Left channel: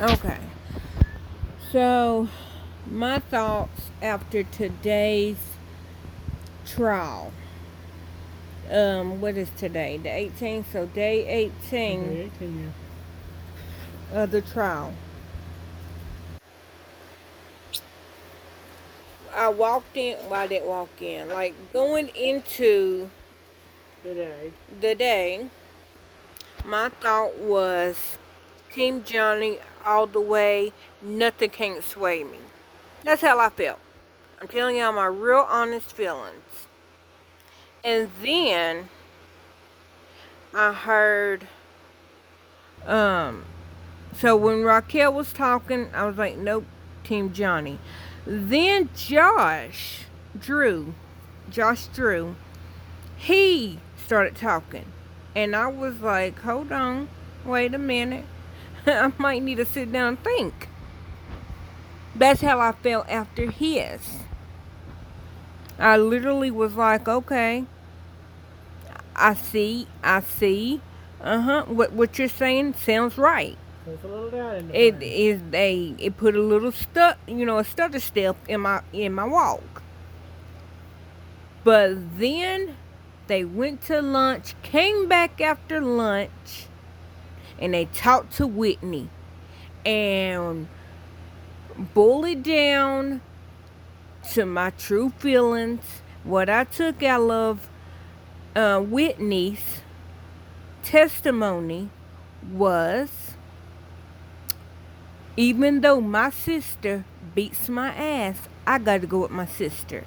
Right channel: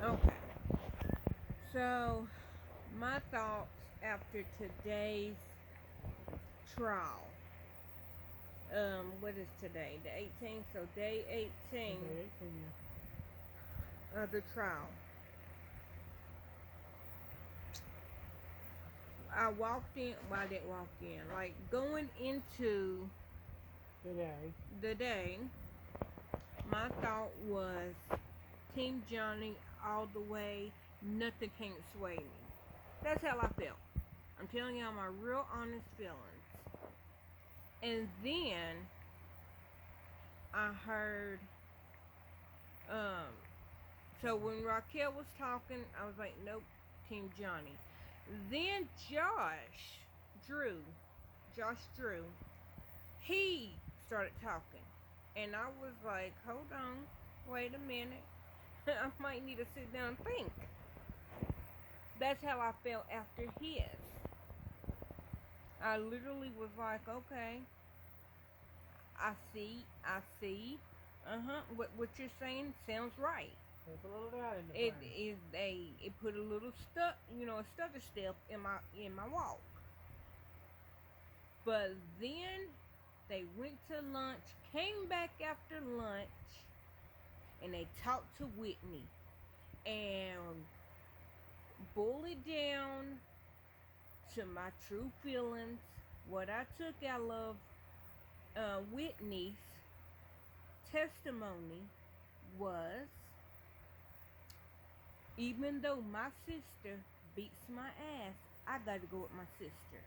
Okay. So, my thoughts after today's trial. What is today? The 18th. So, day 18 Okay, 18, of the trial. I walked in. Well, I didn't walk in. Like, going into yeah. Today. the day, my thought was Team Johnny all the way. Nothing can sway me. That's how I felt. I'm telling y'all my real honest feelings. And then I heard, um, so when Raquel was talking, I was like, nope, Team Johnny. Then Josh Drew, he started talking. And I was like, hold on, wait a minute. I might need to sit down and think. That's how I felt after his. I literally was like, okay, I see. What you're saying sounds right. There's a little doubt in the It frame. is it put a little a stutter step in my walk. But then they went to lunch, came back after lunch, and they talked to Whitney and bullied down to my true feelings. What I took out of Whitney's testimony was, even though my sister beats my ass, I got to go with my sister.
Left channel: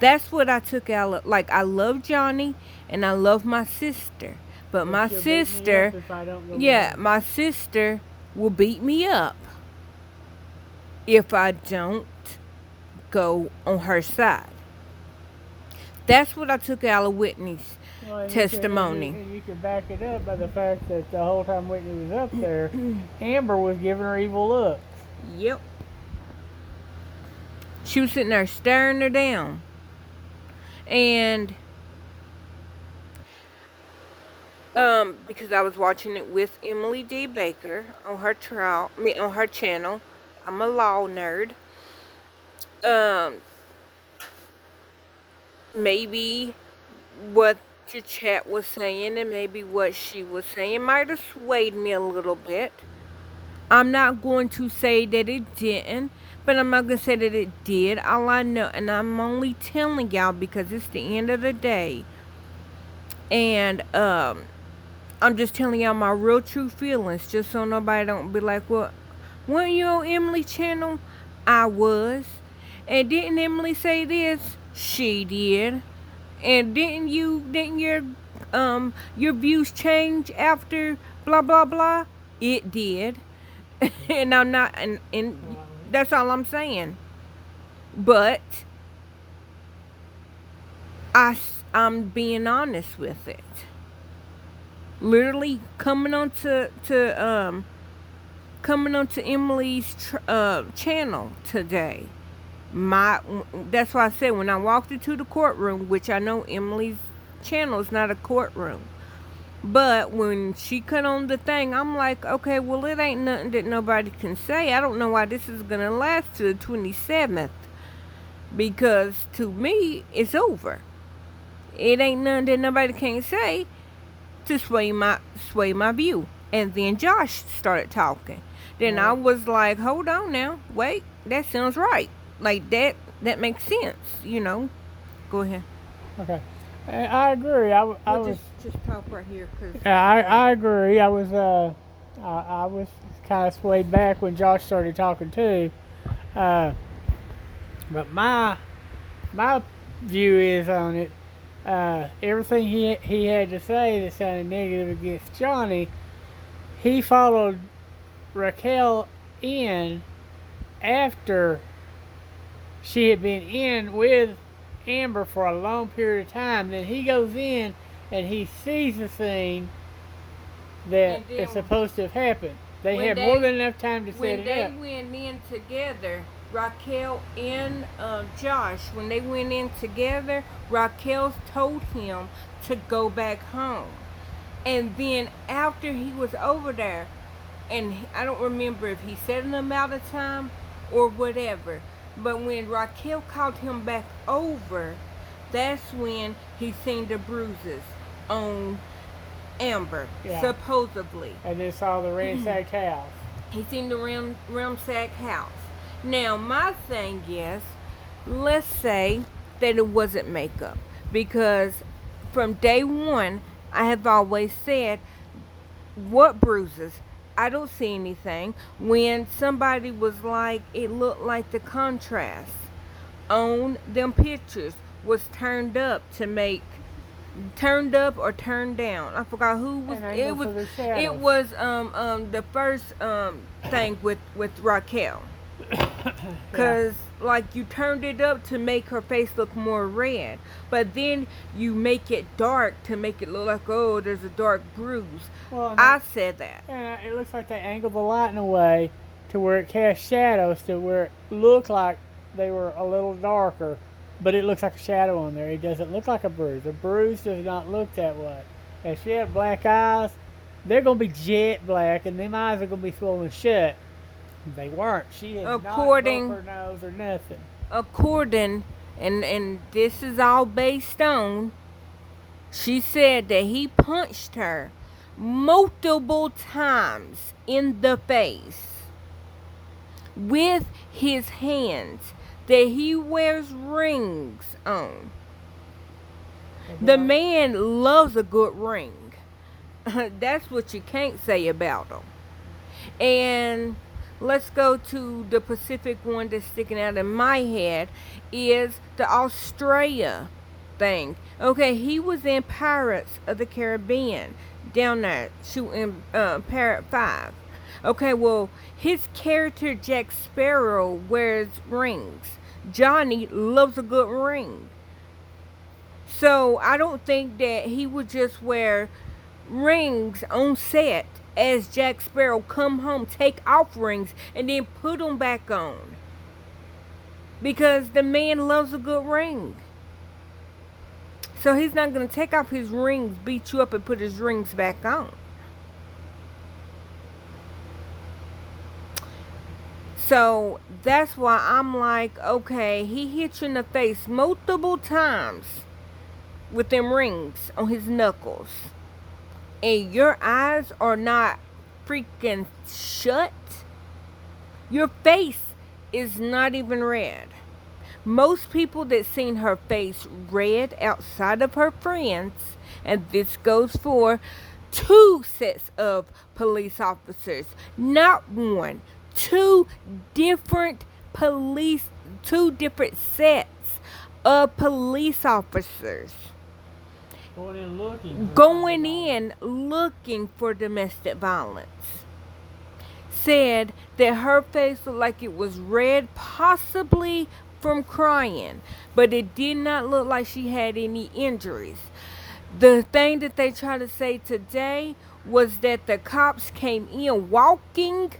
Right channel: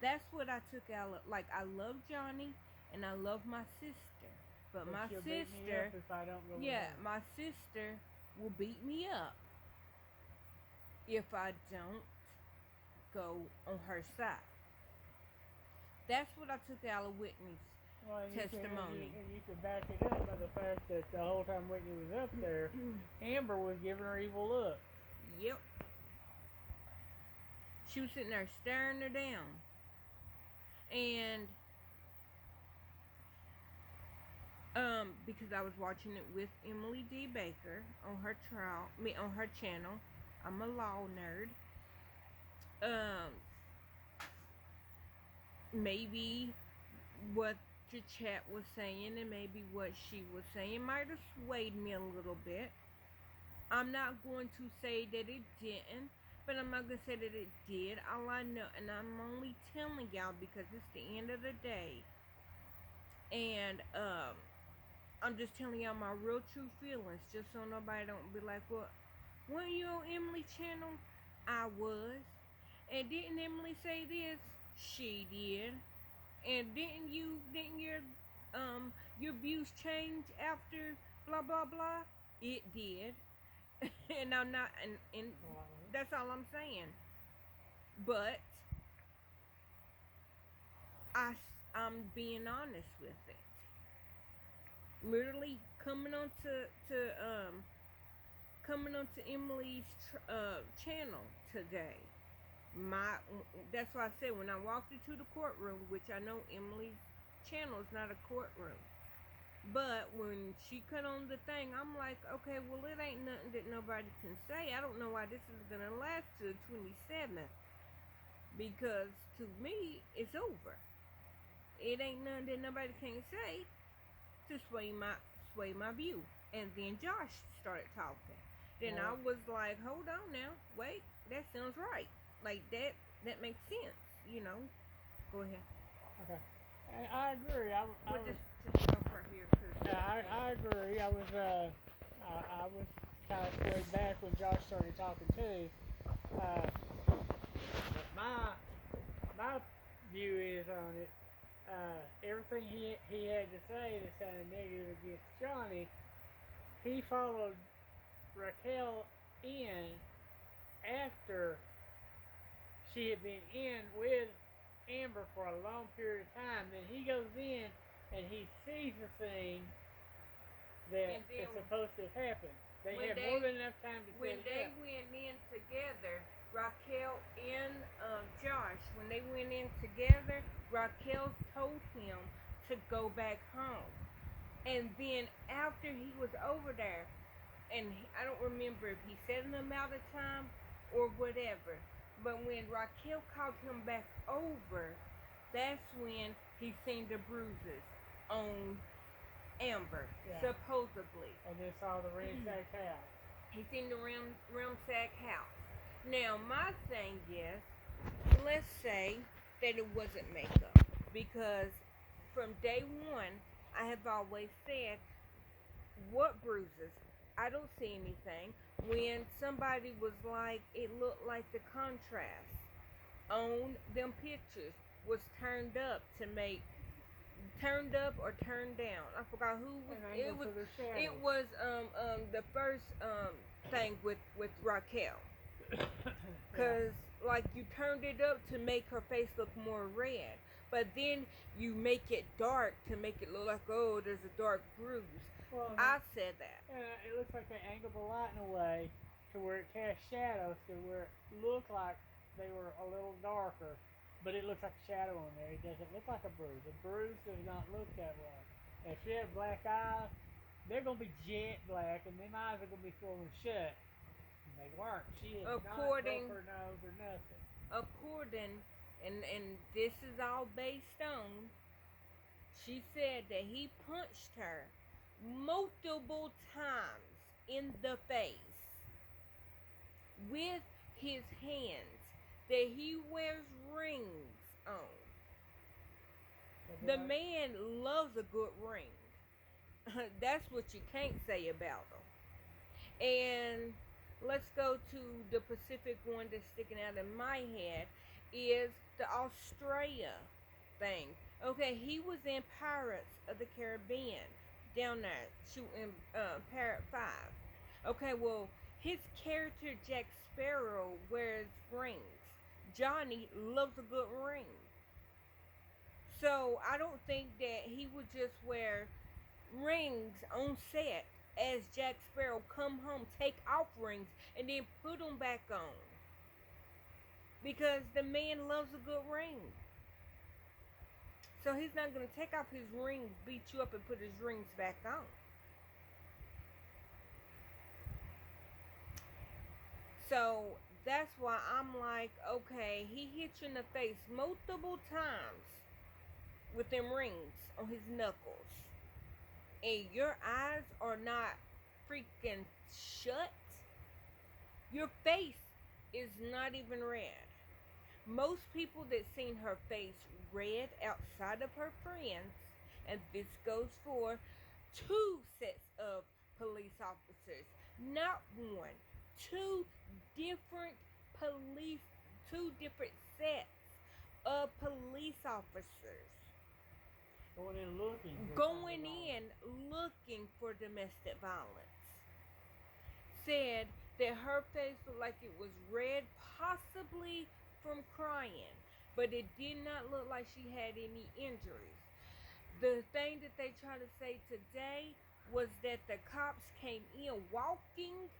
That's what I took out of. Like, I love Johnny and I love my sister. But But my she'll beat me up sister, if I don't go with yeah, her. my sister will beat me up if I don't go on her side. That's what I took out of Whitney's Well, and testimony. you can back it up by the fact that the whole time Whitney was up there, Amber was giving her evil looks. Yep. She was sitting there staring her down. And because I was watching it with Emily D. Baker on her on her channel. I'm a law nerd. Um, maybe what your chat was saying and maybe what she was saying might have swayed me a little bit. I'm not going to say that it didn't, but I'm not going to say that it did. All I know, and I'm only telling y'all because it's the end of the day. And I'm just telling y'all my real true feelings, just so nobody don't be like, well, weren't you on Emily's channel? I was. And didn't Emily say this? She did. And didn't your views change after blah blah blah? It did. And I'm not and that's all I'm saying. But I'm being honest with it. Literally coming onto Emily's channel today. My That's why I said when I walked into the courtroom, which I know Emily's channel is not a courtroom, but when she cut on the thing, I'm like, okay, well, it ain't nothing that nobody can say. I don't know why this is gonna last to the 27th, because to me, it's over. It ain't nothing that nobody can say to sway my view. And then Josh started talking. Then I Well, was like, hold on now, wait, that sounds right. Like that makes sense. Go ahead. okay. I agree. I Well, was. just talk right here, cause Yeah, I can't. I agree. I was kind of swayed back when Josh started talking too. Uh, but my view is on it. Everything he had to say that sounded negative against Johnny, he followed Raquel in after she had been in with Amber for a long period of time. Then he goes in and he sees the scene that And then is supposed to have happened. They when had more they than enough time to set when it they up. went in together, Raquel and Josh, when they went in together, Raquel told him to go back home. And then after he was over there, and I don't remember if he said an amount of time or whatever. But when Raquel called him back over, that's when he seen the bruises on Amber, Yeah. supposedly. And then saw the ransacked house. He seen the Ramsack house. Now, my thing is, let's say that it wasn't makeup. Because from day one, I have always said, what bruises? I don't see anything. When somebody was like, it looked like the contrast on them pictures was turned up or turned down. I forgot who was. It was. It was the first thing with Raquel. Cause like you turned it up to make her face look more red, but then you make it dark to make it look like, oh, there's a dark bruise. Well, I said that. And it looks like they angled the light in a way to where it cast shadows to where it looked like they were a little darker, but it looks like a shadow on there. It doesn't look like a bruise. A bruise does not look that way. If she had black eyes, they're gonna be jet black, and them eyes are gonna be swollen shut. They weren't. She had not broke her nose or nothing. According, and this is all based on, she said that he punched her multiple times in the face with his hands, that he wears rings on. The man loves a good ring. That's what you can't say about him. And let's go to the Pacific one that's sticking out in my head is the Australia thing. Okay, he was in Pirates of the Caribbean down there shooting Parrot 5. Okay, well, his character Jack Sparrow wears rings. Johnny loves a good ring. So I don't think that he would just wear rings on set as Jack Sparrow come home, take off rings, and then put them back on. Because the man loves a good ring. So he's not going to take off his rings, beat you up, and put his rings back on. So that's why I'm like, okay, he hit you in the face multiple times with them rings on his knuckles. And your eyes are not freaking shut. Your face is not even red. Most people that seen her face red outside of her friends, and this goes for 2 sets of police officers, not one, 2 different sets of police officers going in looking for domestic violence, said that her face looked like it was red, possibly from crying, but it did not look like she had any injuries. The thing that they tried to say today was that the cops came in walking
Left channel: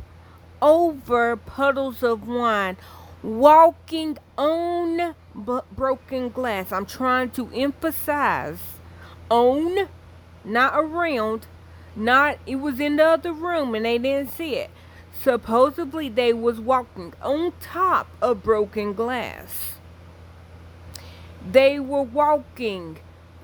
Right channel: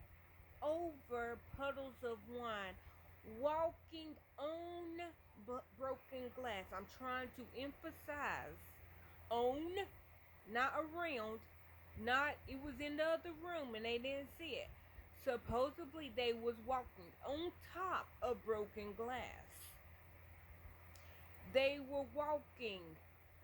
over puddles of wine, walking on broken glass. I'm trying to emphasize on, not around, not it was in the other room and they didn't see it. Supposedly they was walking on top of broken glass. They were walking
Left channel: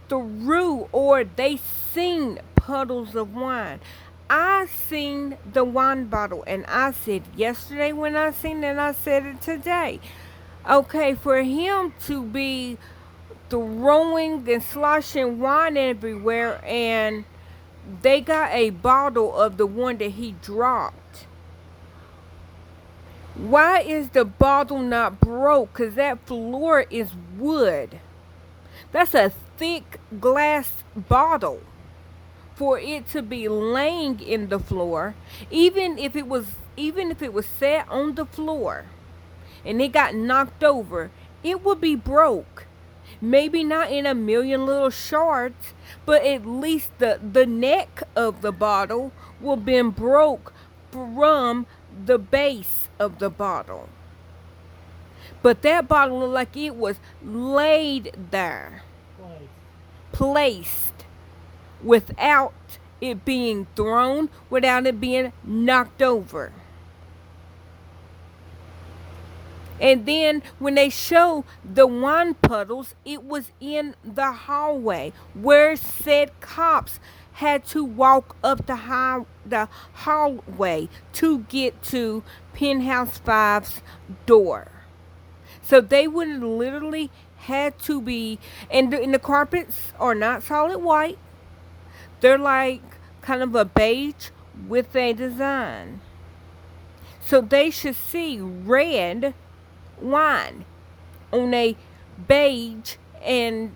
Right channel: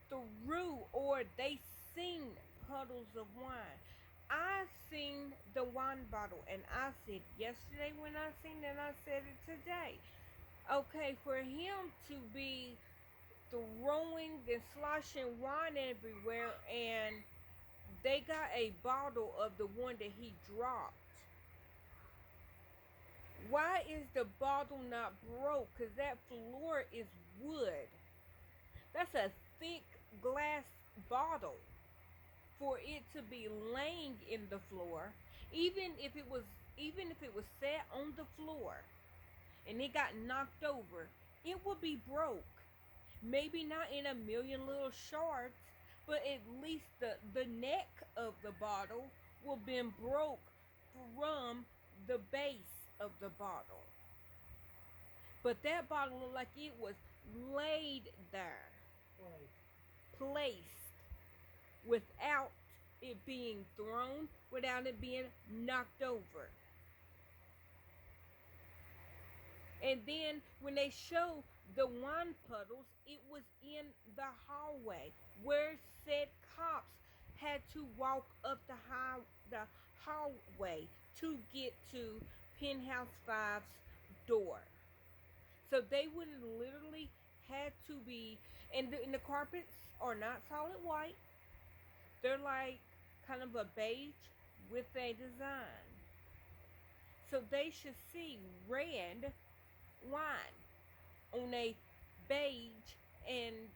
through, or they seen puddles of wine. I seen the wine bottle, and I said yesterday when I seen it, I said it today. Okay, for him to be throwing and sloshing wine everywhere, and they got a bottle of the one that he dropped. Why is the bottle not broke? Because that floor is wood. That's a thick glass bottle. For it to be laying in the floor, even if it was set on the floor and it got knocked over, it would be broke. Maybe not in a million little shards, but at least the neck of the bottle will been broke from the base of the bottle. But that bottle looked like it was laid there, placed, without it being thrown without it being knocked over. And then when they show the wine puddles, it was in the hallway where said cops had to walk up the hallway to get to Penthouse Five's door. So they would have literally had to be, and the carpets are not solid white. They're like kind of a beige with a design. So they should see red wine on a beige and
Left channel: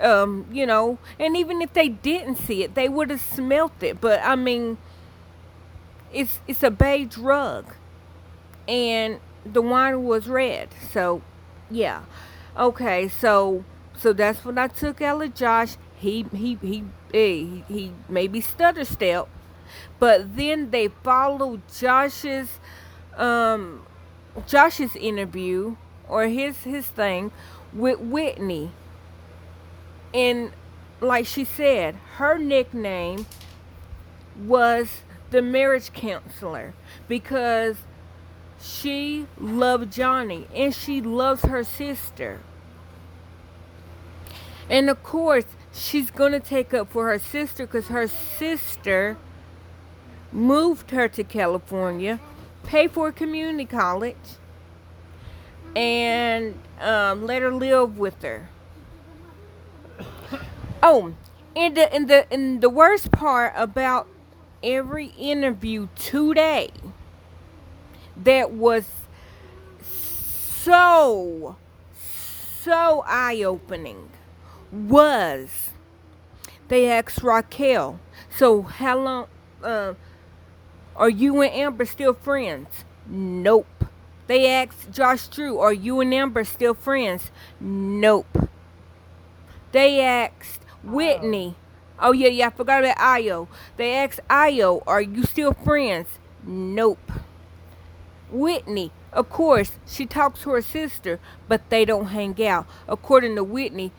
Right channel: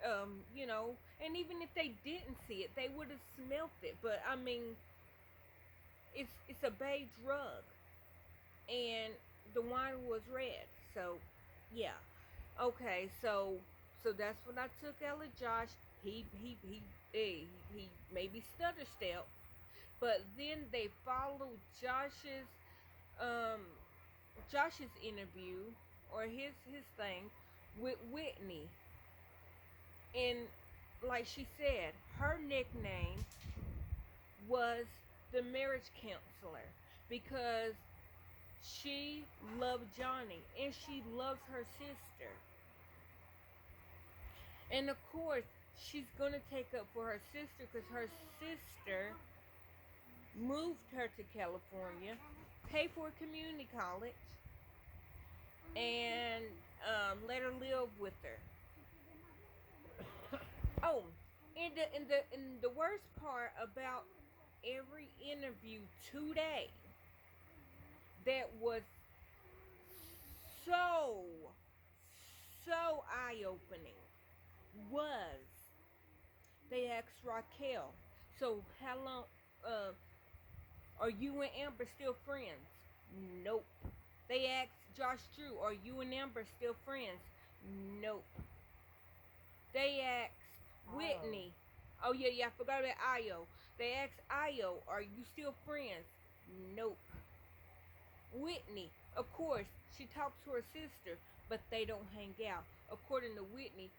and even if they didn't see it, they would have smelt it. But I mean, it's a beige rug, and the wine was red. So, yeah, okay. So that's what I took out of Josh. He maybe stutter step, but then they followed um Josh's interview or his thing with Whitney. And like she said, her nickname was the marriage counselor because she loved Johnny and she loves her sister. And of course, she's going to take up for her sister because her sister moved her to California, paid for community college, and let her live with her. Oh, and the worst part about every interview today that was so eye opening was they asked Raquel, so how long are you and Amber still friends? Nope. They asked Josh Drew, are you and Amber still friends? Nope. They asked Whitney. Oh yeah, I forgot about Ayo. They asked Ayo, are you still friends? Nope. Whitney, of course, she talks to her sister, but they don't hang out. According to Whitney,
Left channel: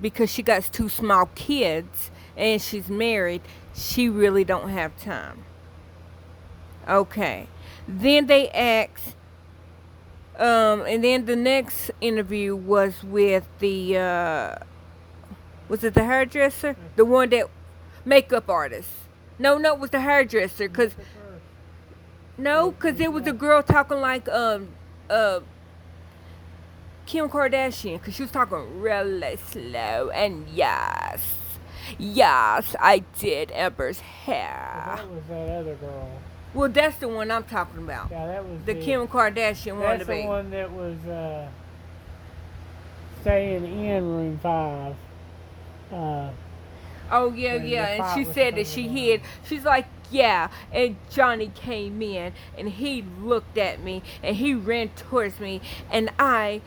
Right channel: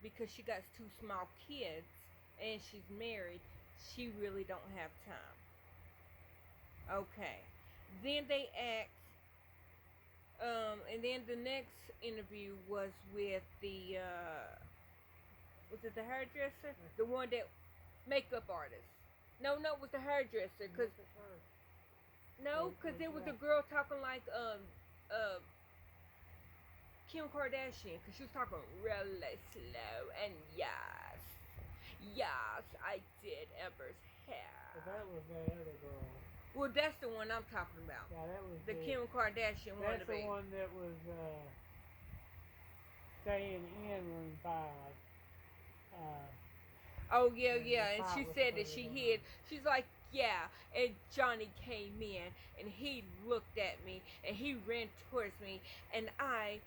because she got two small kids and she's married, she really don't have time. Okay. Then they asked, and then the next interview was with the, was it the hairdresser? The one that, makeup artist. No, it was the hairdresser, cause, no, cause it was a girl talking like, Kim Kardashian, cause she was talking really slow, and yes, I did Amber's hair. That was that other girl. Well, that's the one I'm talking about. Yeah, that was the Kim Kardashian one. That's the one that was staying in room 5. Oh yeah, and she said that she hid. She's like, yeah, and Johnny came in and he looked at me and he ran towards me and I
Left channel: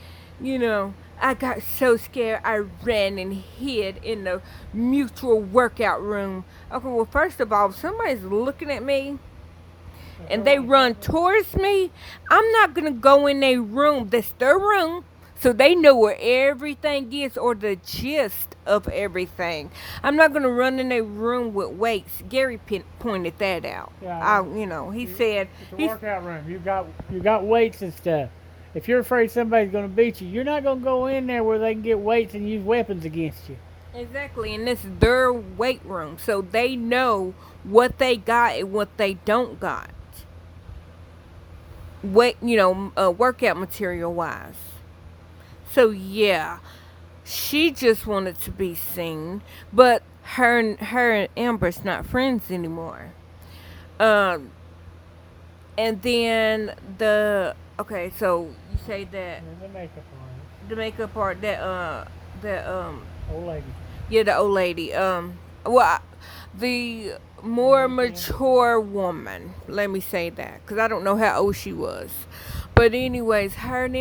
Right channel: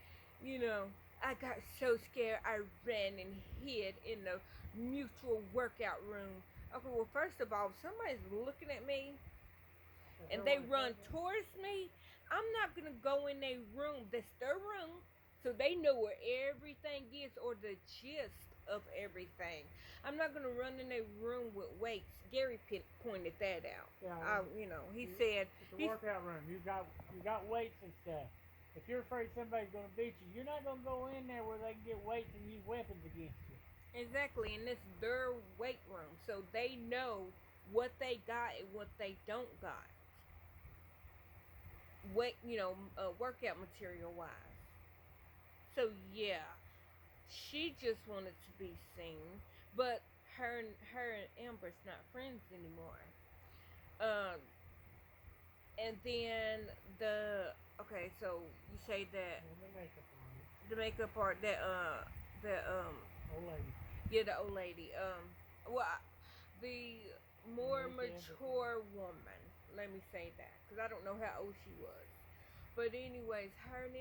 got so scared I ran and hid in the mutual workout room. Okay, well first of all, if somebody's looking at me and they run towards me, I'm not gonna go in their room. That's their room. So they know where everything is or the gist of everything. I'm not going to run in a room with weights. Gary pointed that out. Yeah, he said... It's a workout room. You got weights and stuff. If you're afraid somebody's going to beat you, you're not going to go in there where they can get weights and use weapons against you. Exactly, and this is their weight room. So they know what they got and what they don't got. Workout material-wise. So yeah, she just wanted to be seen, but her and Amber's not friends anymore. And then so you say that the makeup art that old lady. Yeah, the old lady. The more mature woman. Let me say that, because I don't know how old she was. But anyways, her and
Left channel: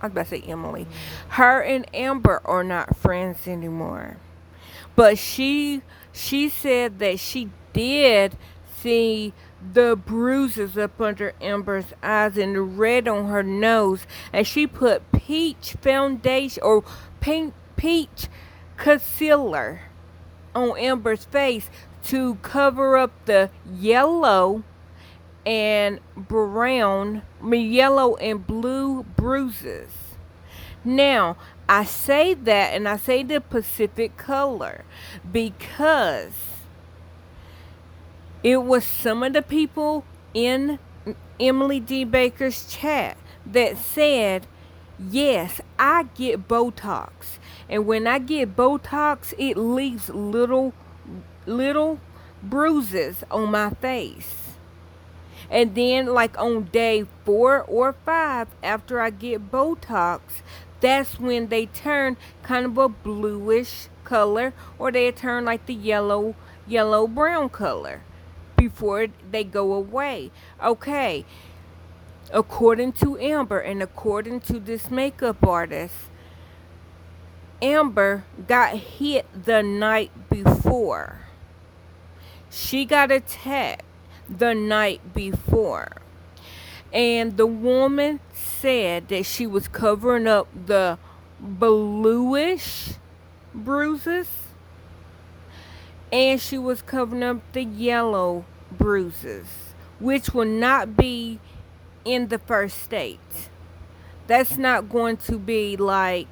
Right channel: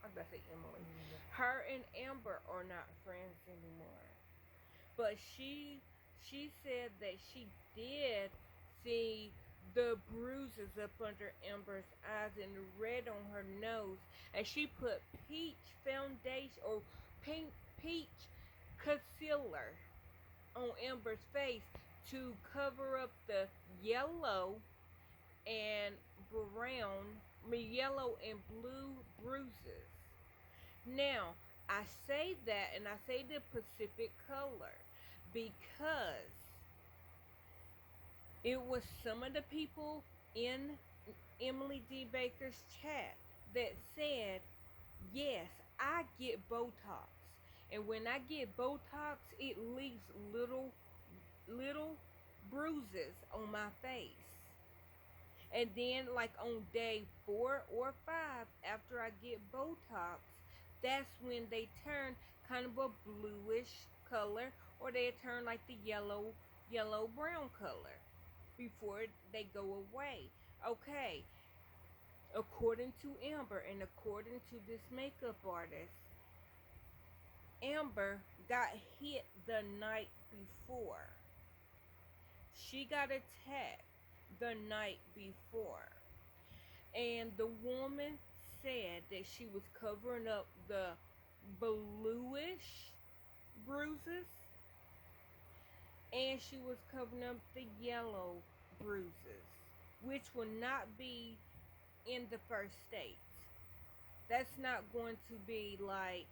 I was about to say Emily. Her and Amber are not friends anymore. But she said that she did see the bruises up under Amber's eyes and the red on her nose. And she put peach foundation or peach concealer on Amber's face to cover up the yellow and yellow and blue bruises. Now, I say that and I say the Pacific color because it was some of the people in Emily D. Baker's chat that said, yes, I get Botox. And when I get Botox, it leaves little bruises on my face. And then, like on day 4 or 5, after I get Botox, that's when they turn kind of a bluish color, or they turn like the yellow brown color before they go away. Okay, according to Amber and according to this makeup artist, Amber got hit the night before. She got attacked the night before. And the woman said that she was covering up the bluish bruises and she was covering up the yellow bruises, which will not be in the first state. That's not going to be like,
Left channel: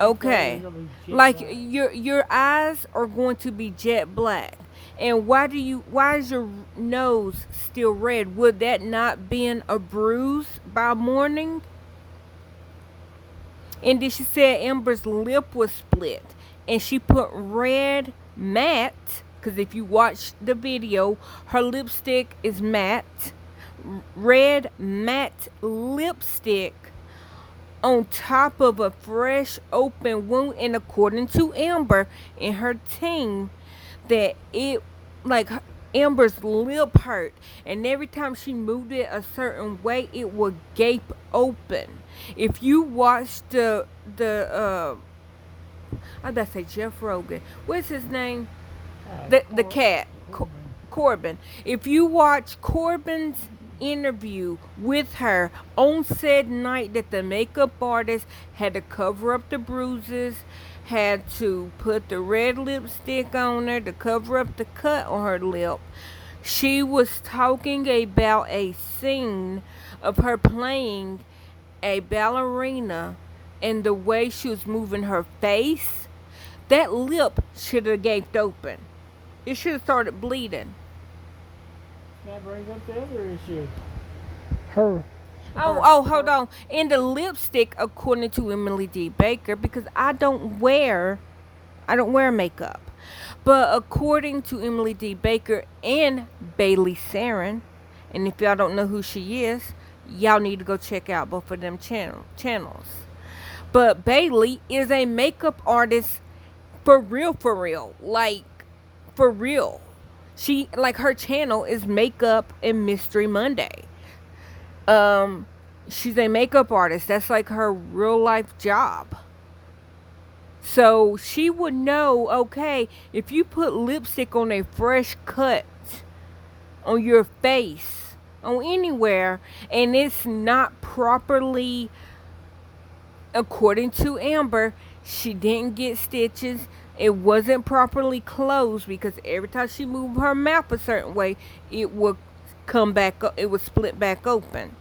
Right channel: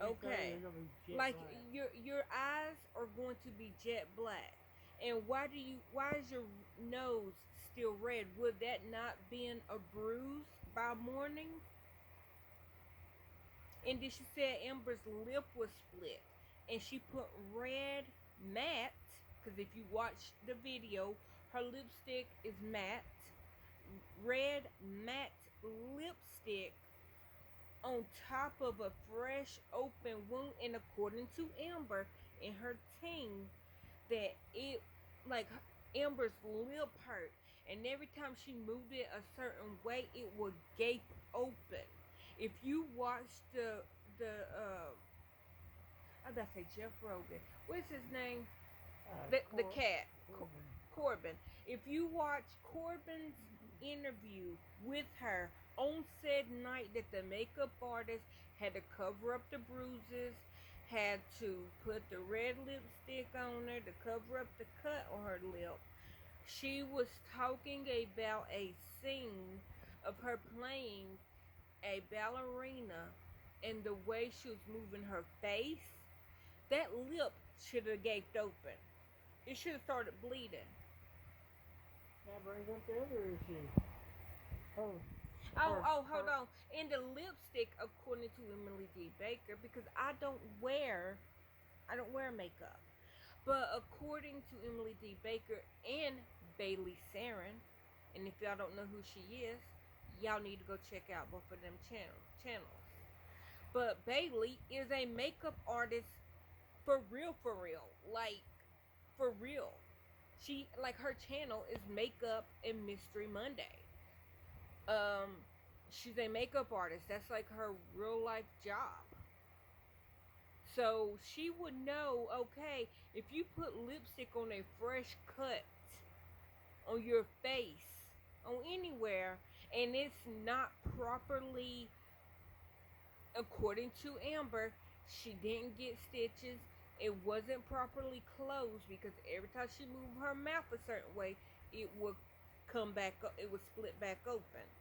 okay, like your eyes are going to be jet black. And why is your nose still red? Would that not been a bruise by morning? And then she said Amber's lip was split. And she put red matte, because if you watch the video, her lipstick is matte. Red matte lipstick on top of a fresh open wound. And according to Amber and her team, that it, like, Amber's lip hurt, and every time she moved it a certain way, it would gape open. If you watch I gotta say Jeff Rogan. What's his name? The cat. Corbin. If you watch Corbin's interview with her on said night that the makeup artist had to cover up the bruises, had to put the red lipstick on her to cover up the cut on her lip, she was talking about a scene of her playing a ballerina and the way she was moving her face. That lip should have gaped open. It should have started bleeding. That brings up the other issue. Her. Hold on. And the lipstick, according to Emily D. Baker, because I don't wear makeup. But according to Emily D. Baker and Bailey Saren, and if y'all don't know who she is, y'all need to go check out both of them channels. But Bailey is a makeup artist for real. Like, for real. She, like, her channel is Makeup and Mystery Monday. She's a makeup artist. That's like her real life job. So she would know, okay, if you put lipstick on a fresh cut on your face, on anywhere, and it's not properly, according to Amber, she didn't get stitches. It wasn't properly closed because every time she moved her mouth a certain way, it would come back up, it would split back open.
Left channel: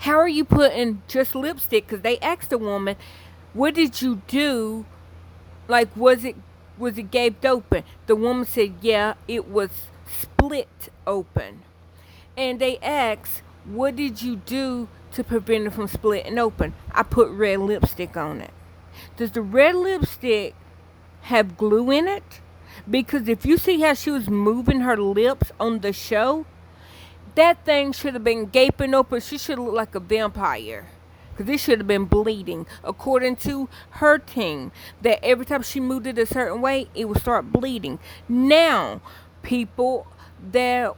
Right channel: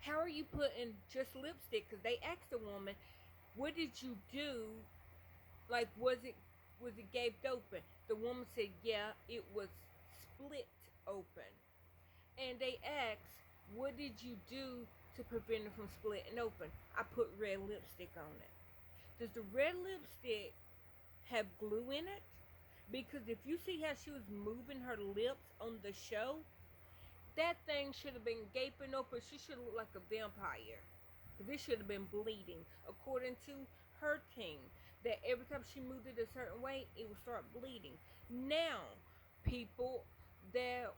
How are you putting just lipstick? Because they asked the woman, what did you do? Like, was it gaped open? The woman said, yeah, it was split open. And they asked, what did you do to prevent it from splitting open? I put red lipstick on it. Does the red lipstick have glue in it? Because if you see how she was moving her lips on the show, that thing should have been gaping open. She should have looked like a vampire. Because it should have been bleeding. According to her team, that every time she moved it a certain way, it would start bleeding. Now, people that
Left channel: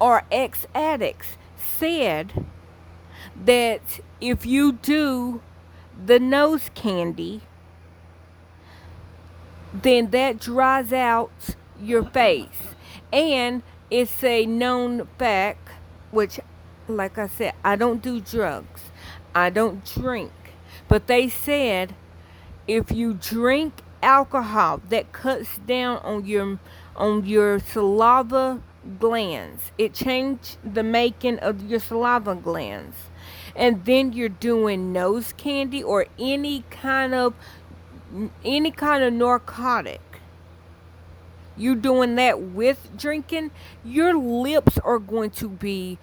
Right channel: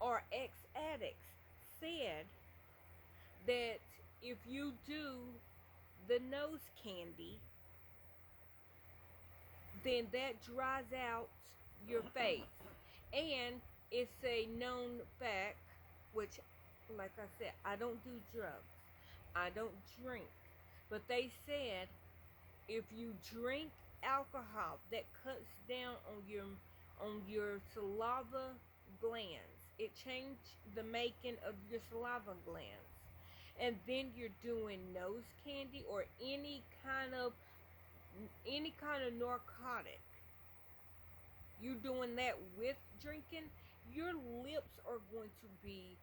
are ex-addicts said that if you do the nose candy, then that dries out your face. And it's a known fact, which, like I said, I don't do drugs. I don't drink. But they said if you drink alcohol, that cuts down on your saliva glands. It changed the making of your saliva glands. And then you're doing nose candy or any kind of narcotic. You doing that with drinking, your lips are going to be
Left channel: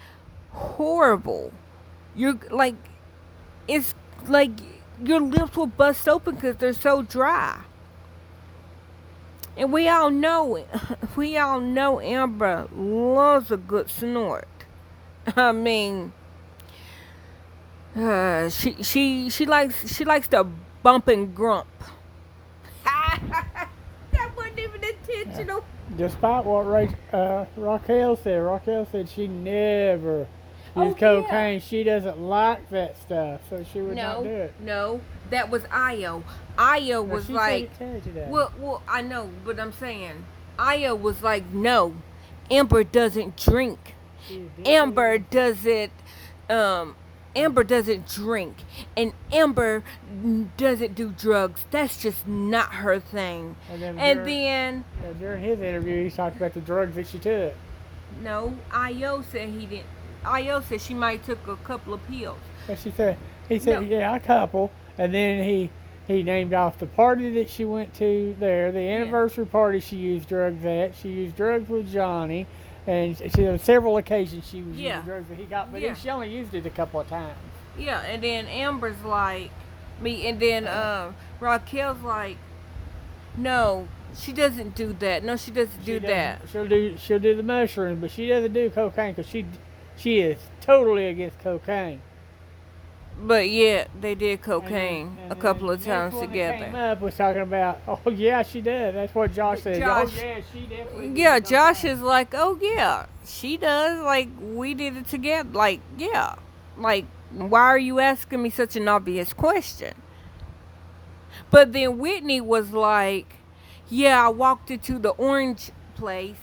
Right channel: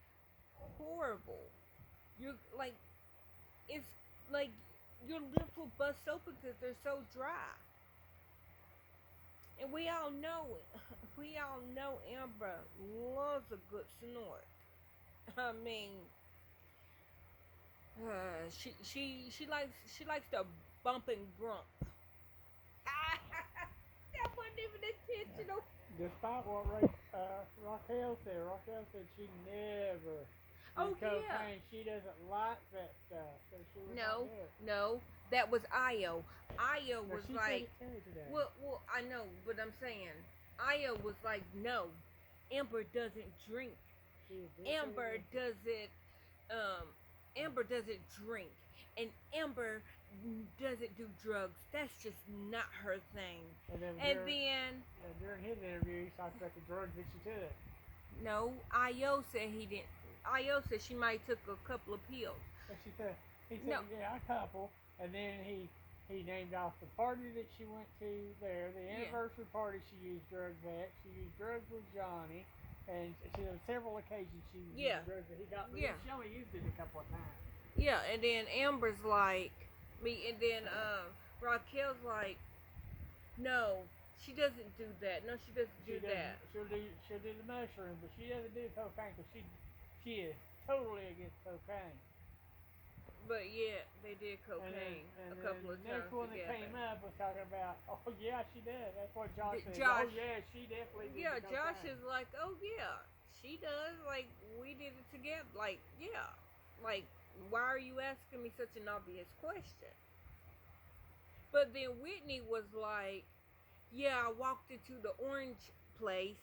horrible. You're like, it's like your lips will bust open because they're so dry. And we all know it. We all know Amber loves a good snort. I mean, she likes to bump and grump. That wasn't even intentional. Despite what Raquel said she never Oh, used yeah. cocaine. She doesn't like that stuff, so she would not do No, it. no, that was Io. Io Now, was she like, said it today. well, I know, but I'm saying, Io was like, no, Amber doesn't drink. She did Amber it. doesn't, Amber doesn't drink, and Amber doesn't do drugs. That's just not her thing. And then, During his interview, he talked about the drugs that she took. no, Io said he didn't. Io said she might took a couple of pills. But he said, No. yeah, a couple. And then he named off the party that she went to there, the anniversary party she used drugs at. She used drugs with Johnny. And on several occasions she was Yeah. using drugs that he got, but Yeah. she only used it a couple of times. Yeah, and then Amber's like me, and then Raquel's like, no, she doesn't do that. No, she doesn't do that. She'll do the mushrooms, but she doesn't do cocaine because she is totally against cocaine. But yeah, they did cocaine And a couple of the next times one that together. Came up was talking about, oh yeah, she does. That's what Josh said. Josh- Oh yeah, she definitely. Yeah, did Josh cocaine. is like, oh yeah, she does. Like we did it together. Like yeah, like why are you asking me such an obvious question? But then Whitney was like, yeah, I walked into the orange place,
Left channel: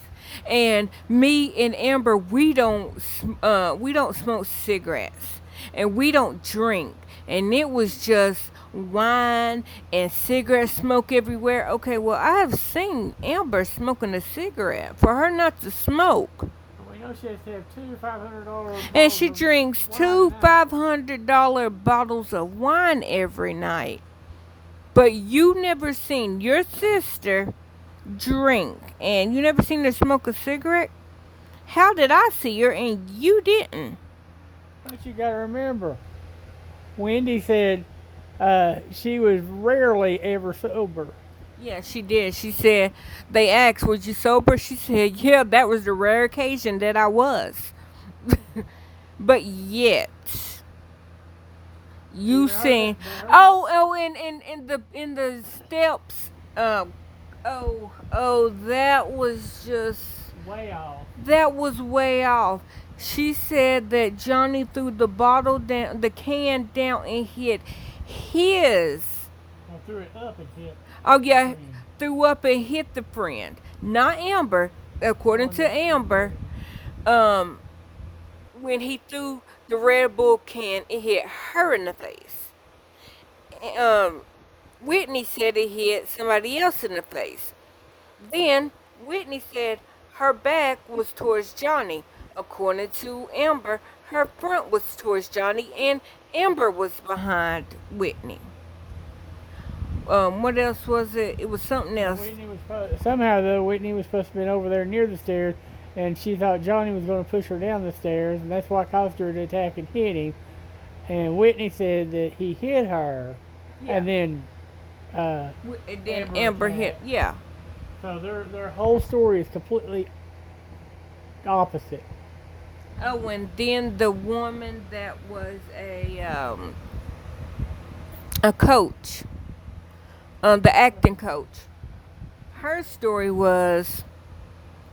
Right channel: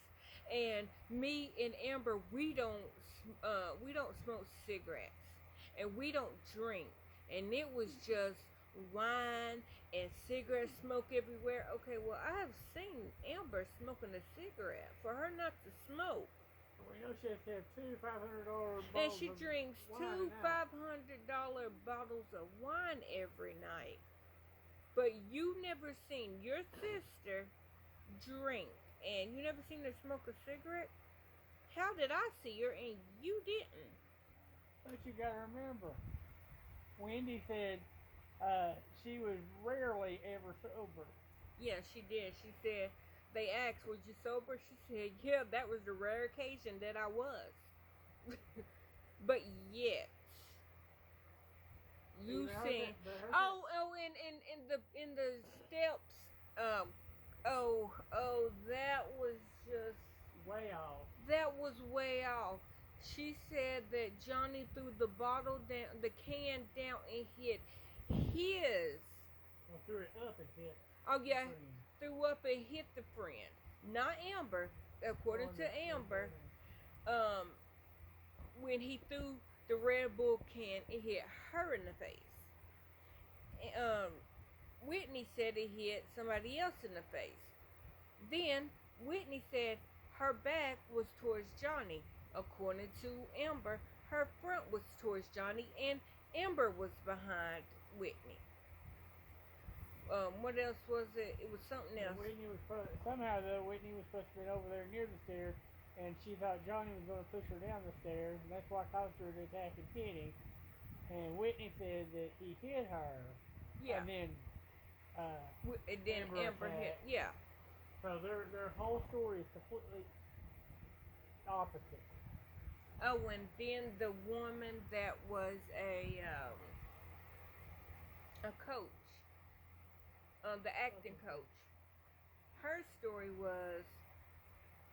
and me and Amber, we don't smoke cigarettes, and we don't drink, and it was just wine and cigarette smoke everywhere. Okay, well, I have seen Amber smoking a cigarette. For her not to smoke, We know she has to have two $500. and she drinks two five. $500 bottles of wine every night. But you never seen your sister drink, and you never seen her smoke a cigarette? How did I see her and you didn't? But you got to remember, Wendy said she was rarely ever sober. Yeah, she did. She said, they asked, was you sober? She said, yeah, that was the rare occasion that I was. But yet, you Yeah, seen, but her- oh, in the steps, that was just, Way off. that was way off. She said that Johnny threw the bottle down, the can down, and hit his. I threw it up and hit. Oh yeah, threw up and hit the friend, not Amber. According to Amber, when he threw the Red Bull can, it hit her in the face. Whitney said it hit somebody else in the face. Then Whitney said her back was towards Johnny. According to Amber, her front was towards Johnny, and Amber was behind Whitney. What else was it? It was something else. Somehow though, Whitney was supposed to be over there near the stairs, and she thought Johnny was going to push her down the stairs, and that's what caused her to attack and hit him. And Whitney said that he hit her, and then And then Amber hit. attacked. Yeah. So their whole story is completely opposite. Oh, and then the woman that was a coach, the acting coach. Her story was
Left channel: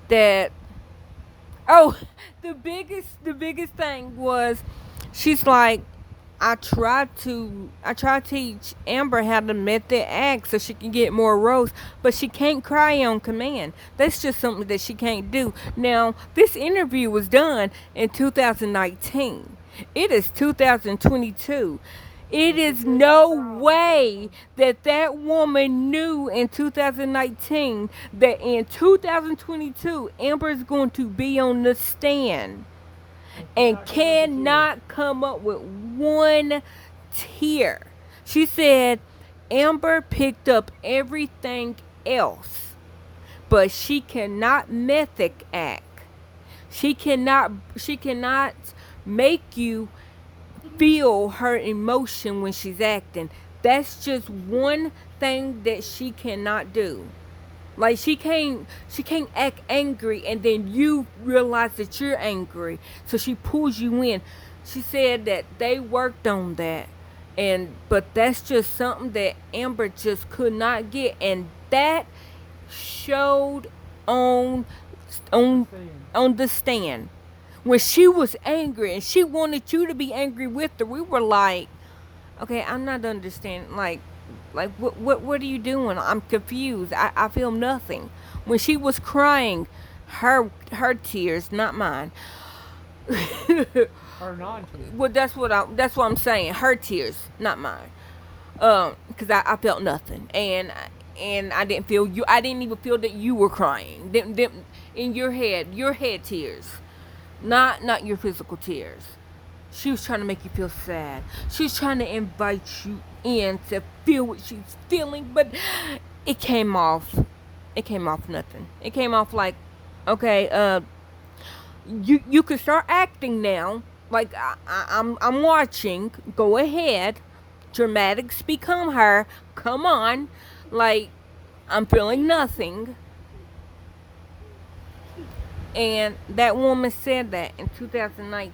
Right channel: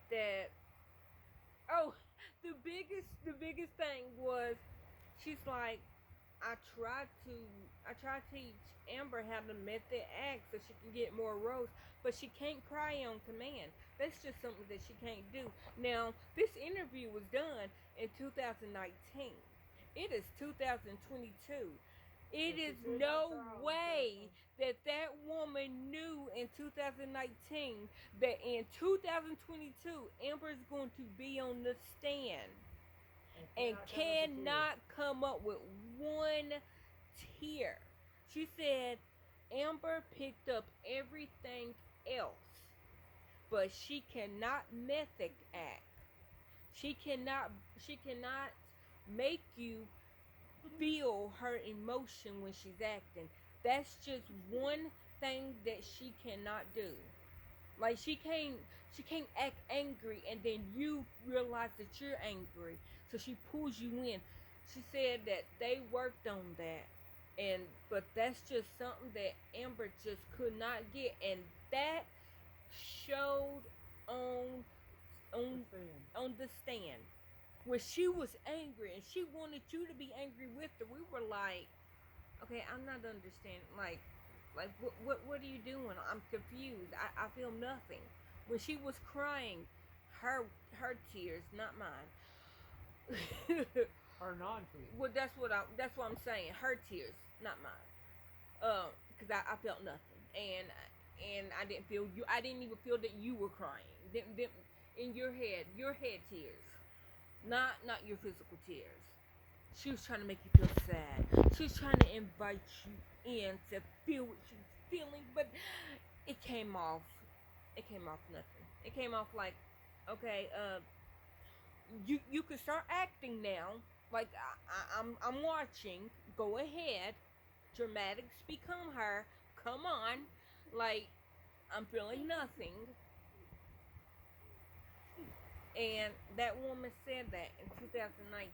that, oh, the biggest thing was, she's like, I tried to teach Amber how to method act so she can get more roles, but she can't cry on command. That's just something that she can't do. Now, this interview was done in 2019. It is 2022. It is no way that that woman knew in 2019 that in 2022 Amber's going to be on the stand and cannot come up with one tear. She said Amber picked up everything else, but she cannot method act. She cannot make you feel her emotion when she's acting. That's just one thing that she cannot do. Like she can't act angry and then you realize that you're angry. So she pulls you in. She said that they worked on that. And but that's just something that Amber just could not get, and that showed on on on the stand when she was angry and she wanted you to be angry with her. We were like, okay, I'm not understanding. Like what are you doing? I'm confused. I feel nothing. When she was crying, her tears, not mine. Or non-tears. Well, that's what I'm saying. Her tears, not mine. Because I felt nothing, and I didn't feel you. I didn't even feel that you were crying. In your head tears, not your physical tears. She was trying to make you feel sad. She was trying to invite you in to feel what she's feeling, but it came off. It came off nothing. It came off like, okay, you can start acting now. Like I'm watching. Go ahead. Dramatics become her. Come on. Like I'm feeling nothing. And that woman said that in 2019.